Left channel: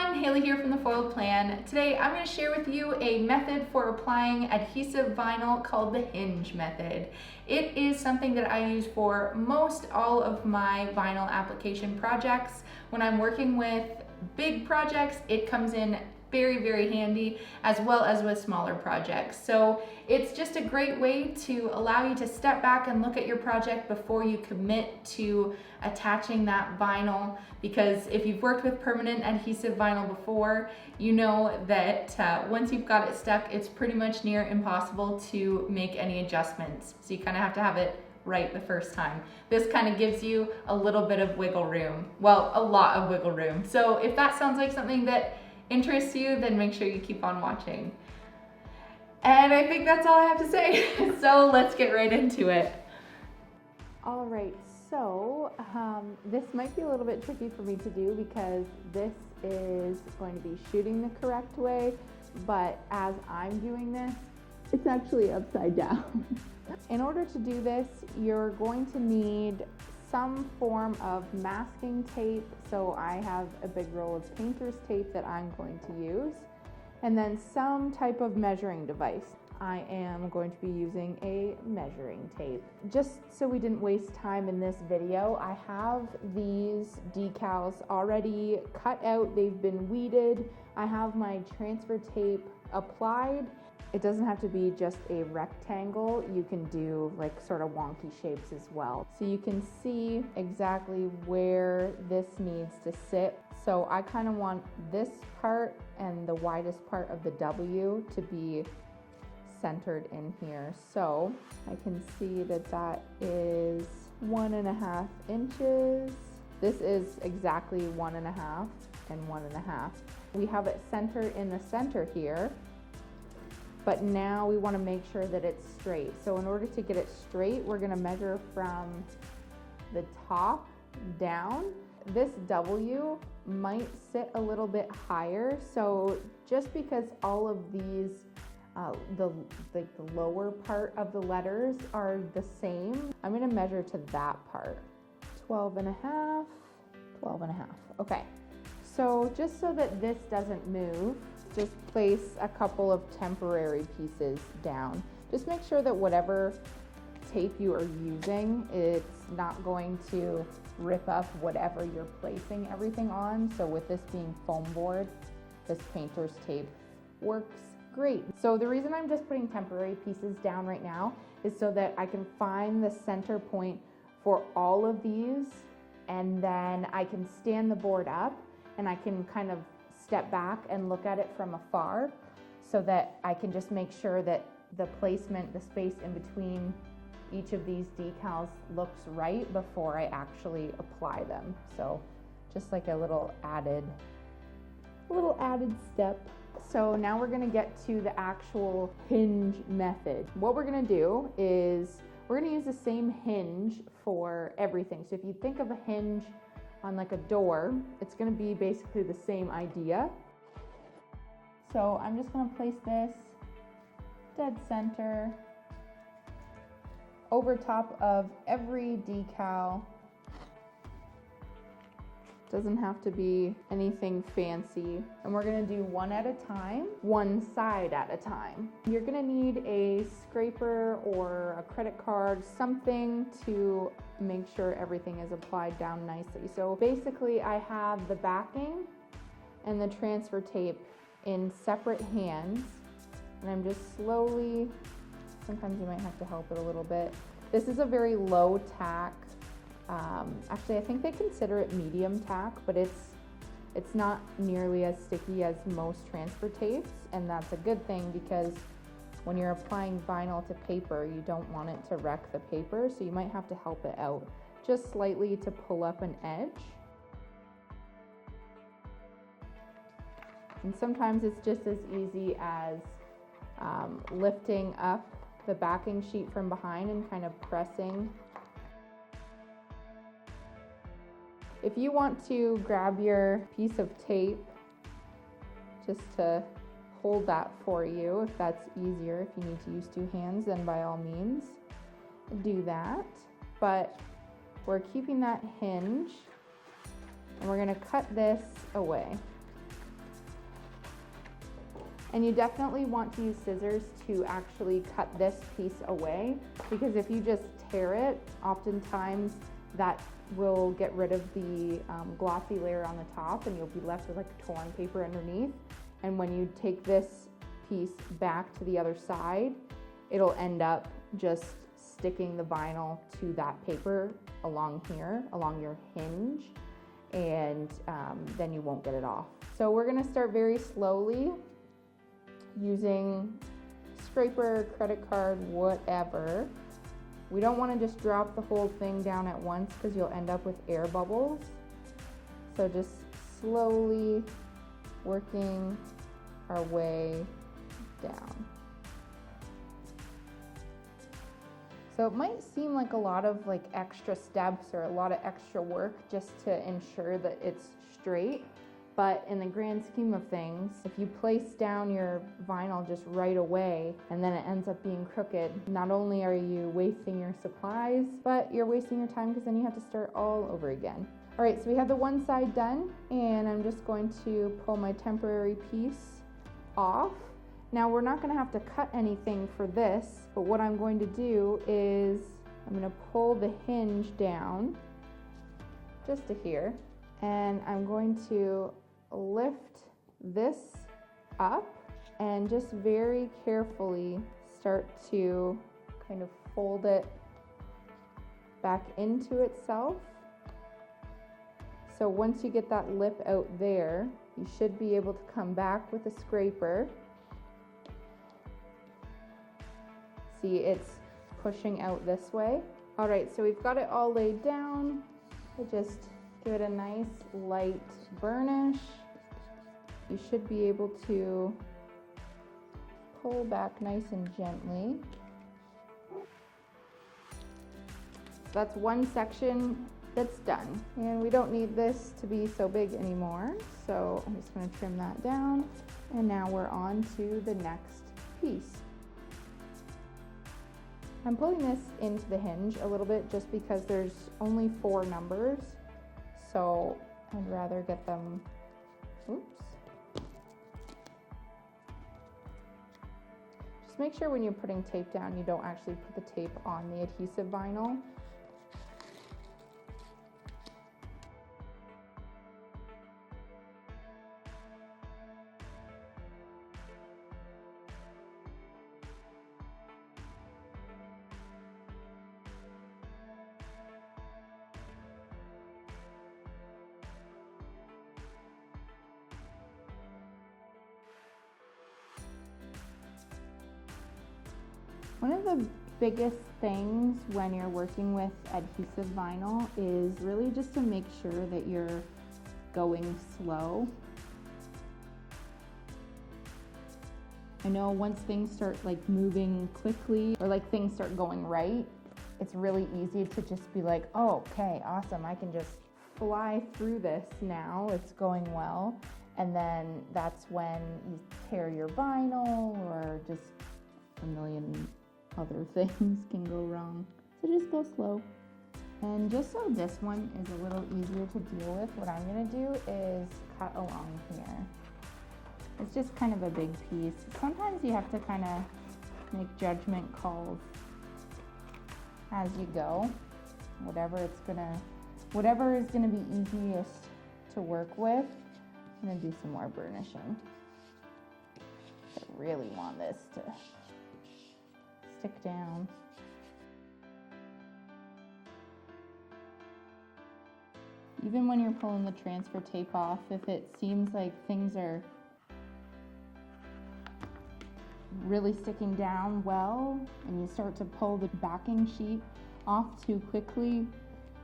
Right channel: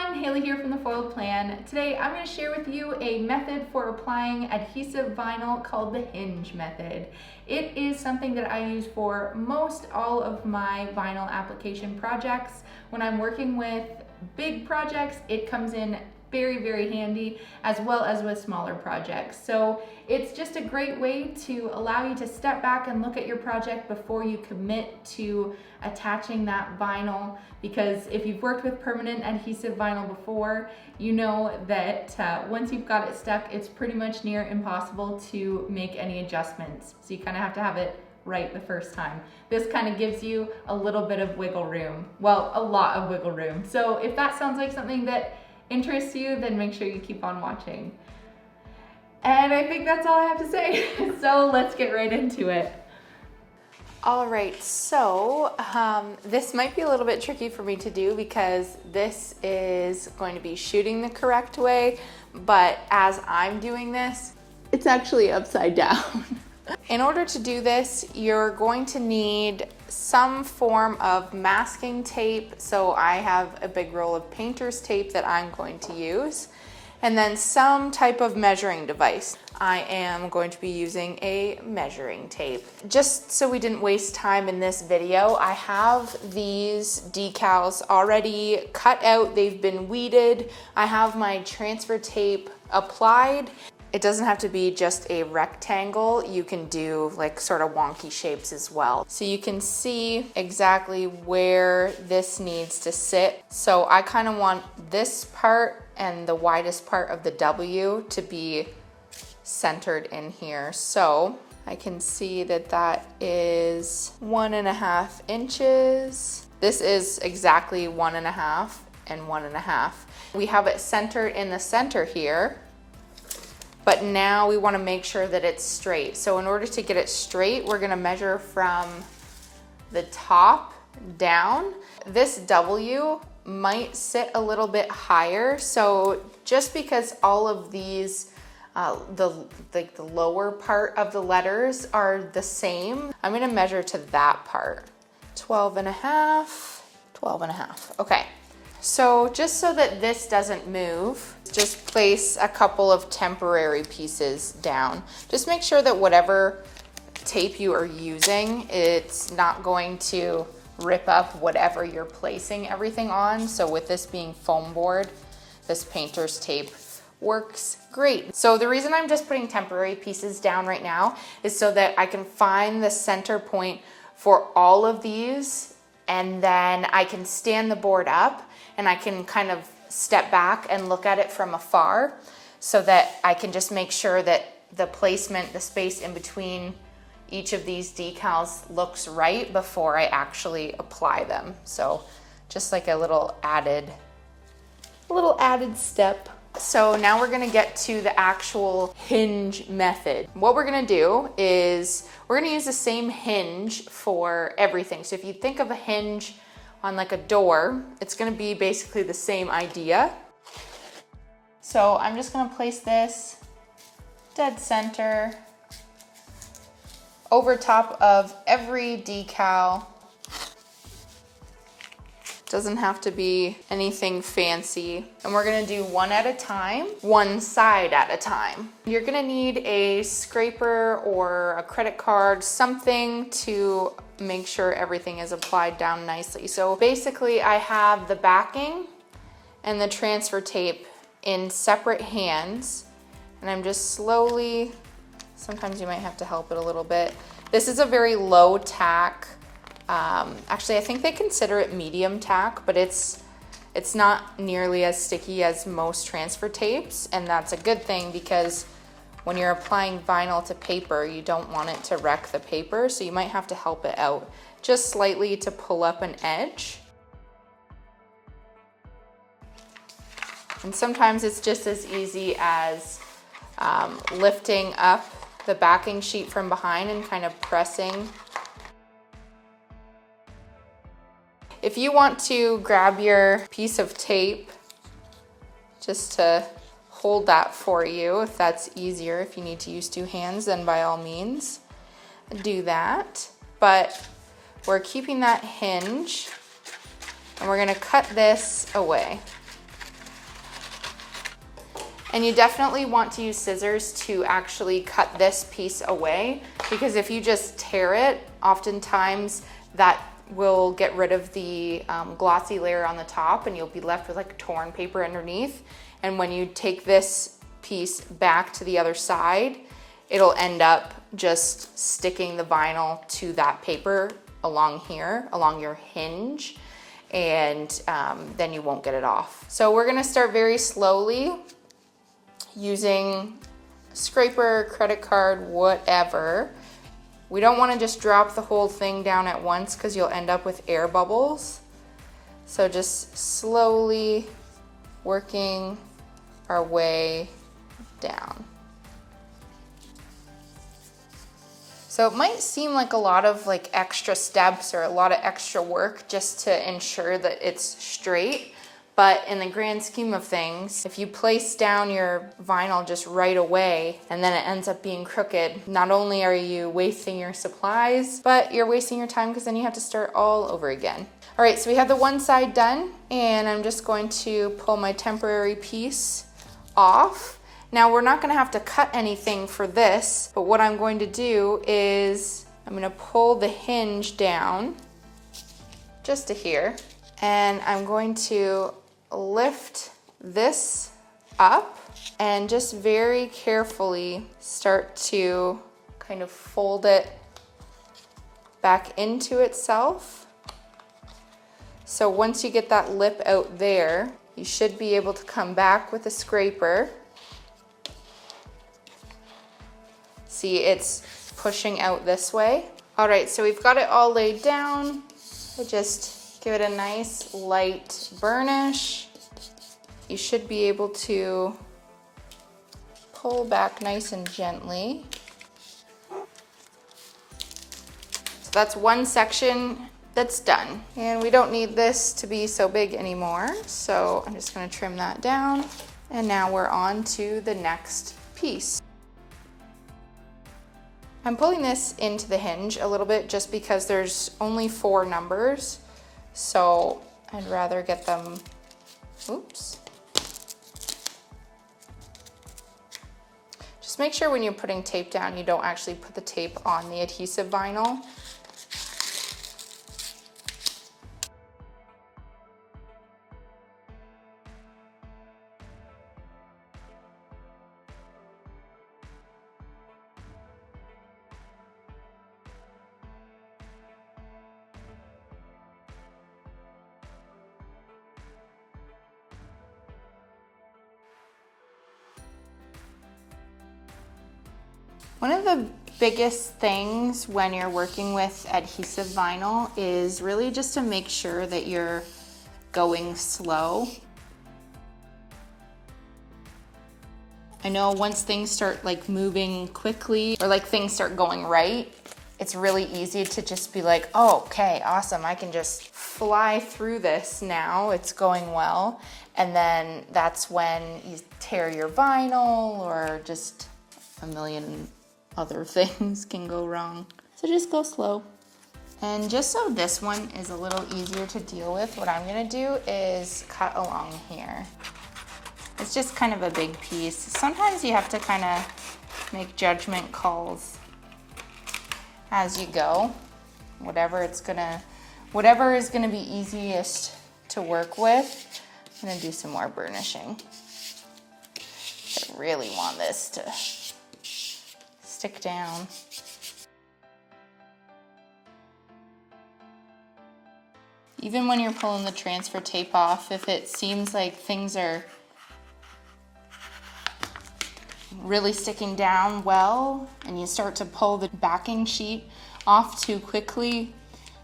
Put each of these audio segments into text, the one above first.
everyone, Haley here from The Foiled Plan. Today I'm going to share with you a method for applying adhesive vinyl called the Hinge method. It is something that I use for most all of my vinyl application projects. When I'm working with big projects, it comes in very, very handy, as well as with smaller projects. So it's just a great way to allow you to step back and look at your project before you commit to attaching that vinyl, because if you've worked with permanent adhesive vinyl before, you know that once you've got it stuck, it's pretty much near impossible to make any adjustments. So you kind of have to have it right the first time. This kind of gives you a little bit of wiggle room. Well, a lot of wiggle room. So if that sounds like something that interests you, then make sure you keep on watching. And I think that's all I have to say. So let's get right into it. All right, so this might be a little bit tricky for me to do because this is going to be shooting the correct way, but as I'm doing this, it's actually upside down. In order to do this, you're going to need some form of masking tape. So I have a big roll of painter's tape that I'm going to use, and then some type of measuring device. I am going to be using a measuring tape. Just so we didn't waste time in this video, I have these decals already cut out. They've been weeded. I have my transfer tape applied. It doesn't have to be just a rectangle. You can do like sort of wonky shapes as well. So you can see exactly where this needs to sit. So I kind of want this part and the widest part of the W to be centered in here. So I can see that that is 1.5 inches. This is exactly 1.5 and 1.5. We have it centered in the center here. But now we want to make sure that it's straight. So in order to get it straight, we're going to measure from the top down. This W might sit a little bit higher. So just because all of these, the lower part of the letters are the same, I'm going to measure to that part. 12.5, 12.5. Okay. So just so that this doesn't move, just place a couple of temporary pieces down. Just make sure that whatever tape you are using, it's not going to rip up whatever you're placing everything on. So with this being foam board, this painter's tape works great. So the reason I'm just putting temporary pieces down right now is so that I can find the center point for all of these, and then I can stand the board up and I can kind of step back and look at it from afar so that I can just make sure that the placement, the space in between each of these decals looks right before I actually apply them. So just like a little added step. So now we're gonna get to the actual hinge method. What we're gonna do is we're gonna use the same hinge for everything. So if you think of a hinge on like a door, it's gonna be basically the same idea. So I'm just gonna place this dead center over top of every decal. Doesn't have to be anything fancy. And we're gonna do one at a time, one side at a time. You're gonna need a scraper or a credit card, something to make sure everything is applied down nicely. So basically I have the backing and the transfer tape in separate hands, and I'm just slowly, sometimes you might have to help it a little bit. This is a very low tack. Actually, I think they consider it medium tack, but it's not nearly as sticky as most transfer tapes, and that's a good thing because when you're applying vinyl to paper, you don't want it to wreck the paper, so you might have to help it out just slightly to pull up an edge. And sometimes it's just as easy as lifting up the backing sheet from behind and kind of pressing. If you want to grab your piece of tape just to hold that for you, if that's easier, if you need to use two hands, then by all means do that. But we're keeping that hinge and we're gonna cut this away. And you definitely want to use scissors to actually cut this piece away, because if you just tear it, oftentimes that will get rid of the glossy layer on the top and you'll be left with like torn paper underneath. And when you take this piece back to the other side, it'll end up just sticking the vinyl to that paper along here, along your hinge, and then you won't get it off. So we're gonna start very slowly using scraper, credit card, whatever. We don't wanna just drop the whole thing down at once because you'll end up with air bubbles. So just slowly working our way down. So it might seem like a lot of like extra steps or a lot of extra work just to ensure that it's straight. But in the grand scheme of things, if you place down your vinyl just right away and then it ends up being crooked, not only are you wasting your supplies, but you're wasting your time because then you have to start all over again. All right, so we have the one side done, and I'm just going to pull my temporary piece off. Now we're not gonna have to cut anything for this, but what I'm going to do is I'm gonna pull the hinge down just to here, and I'm going to lift this up and just very carefully start to kind of fold it back into itself. So once you get that lip out there, you should be able to come back with a scraper. See, it's pushing out this way. All right, so we've got it all laid down. I just give it a nice light burnish. You should be able to pull back nice and gently. So that's one section that's done. And we don't need this to be so big anymore. So I'm just gonna trim that down. And now we're on to the next piece. I'm pulling this into the hinge a little bit just because there's only 4 numbers. So I'd rather get them, oops. Just make sure when you're putting tape down, you don't actually put the tape on the adhesive vinyl. One of the biggest things when you're working with adhesive vinyl is really just to make sure that you're going slow. I know once things start like moving quickly or like things start going right, it's really easy to just be like, oh, okay, awesome. I can just fly through this now. It's going well. And then that's when you tear your vinyl or just a million other things can go wrong. So just go slow. And just so this one is a little easier to deal with, what I'm gonna do is cut along here. It's just kind of a big piece. Sometimes you have to kind of make judgment calls as you go. Whatever is gonna be easiest to work with. I'm gonna do some more burnishing. I really want this to stick down. Even when you're pulling the transfer tape off, if it seems like things are really sticking down well and you start to pull the backing sheet off too quickly,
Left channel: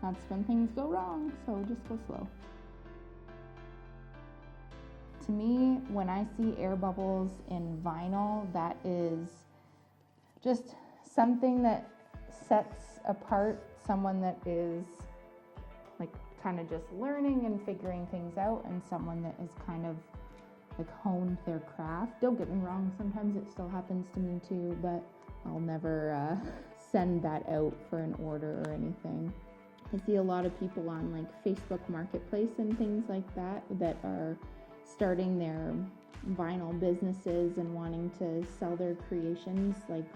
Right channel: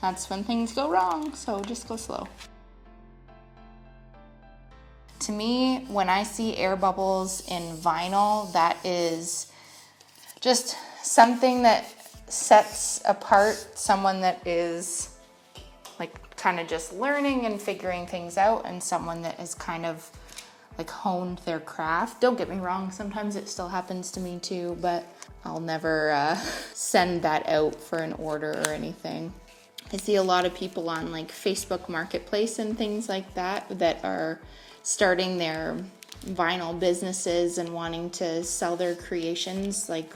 that's when things go wrong. So just go slow. To me, when I see air bubbles in vinyl, that is just something that sets apart someone that is like kind of just learning and figuring things out, and someone that is kind of like honed their craft. Don't get me wrong, sometimes it still happens to me too, but I'll never send that out for an order or anything. I see a lot of people on like Facebook Marketplace and things like that that are starting their vinyl businesses and wanting to sell their creations, like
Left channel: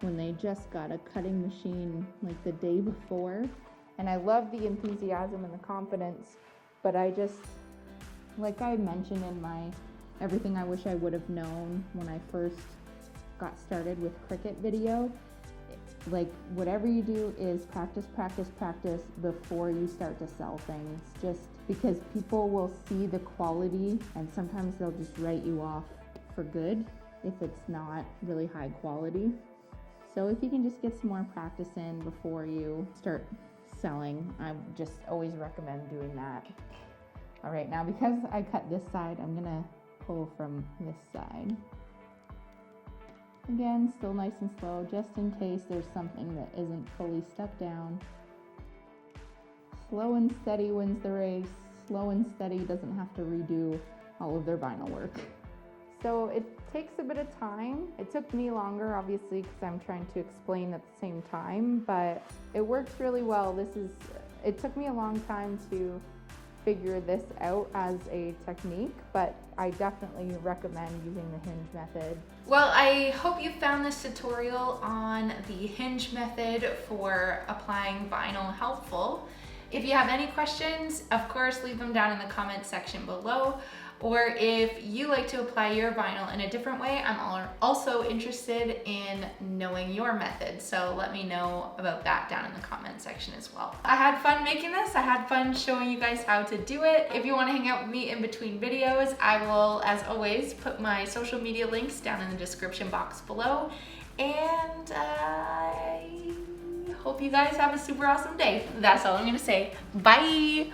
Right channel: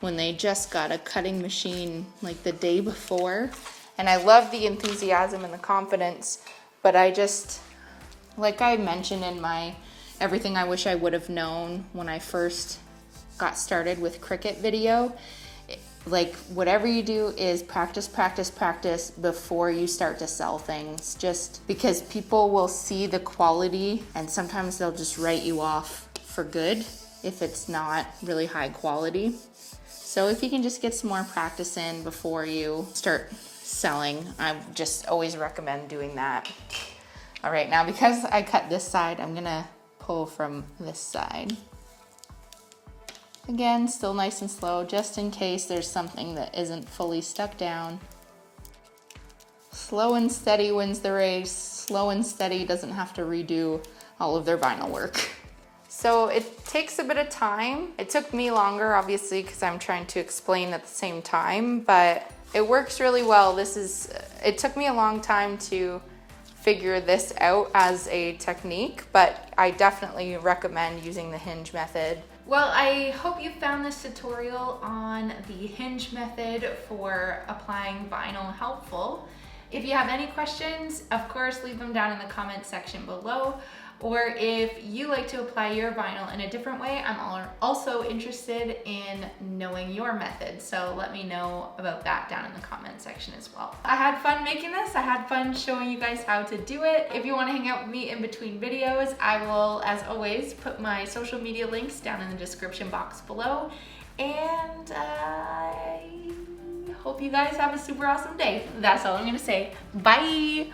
when they just got a cutting machine like the day before. And I love the enthusiasm and the confidence, but I just, like I mentioned in my everything I wish I would have known when I first got started with Cricut video, like whatever you do is practice, practice, practice before you start to sell things, just because people will see the quality and sometimes they'll just write you off for good if it's not really high quality. So if you can just get some more practice in before you start selling, I just always recommend doing that. All right, now because I cut this side, I'm gonna pull from this side. Again, still nice and slow, just in case there's something that isn't fully stuck down. Slow and steady wins the race. Slow and steady doesn't have to redo all of their vinyl work. So it takes a bit of time. It took me longer, obviously, because I'm trying to explain at the same time, but it works really well. It took me a long time to figure this out as a technique, but I definitely recommend using the hinge method. Well, I hope you found this tutorial on the hinge method for applying vinyl helpful. If you have any questions, of course, leave them down in the comment section below. Or if you like to apply your vinyl in a different way, I'm also interested in knowing your method. So let me know about that down in the comment section as well. I had fun making this. I had fun showing you guys how to do it. If you want to hang out with me in between videos, I will, as always, put my social media links down in the description box below. And I hope you guys have a super awesome day. That's all I'm gonna say. Bye.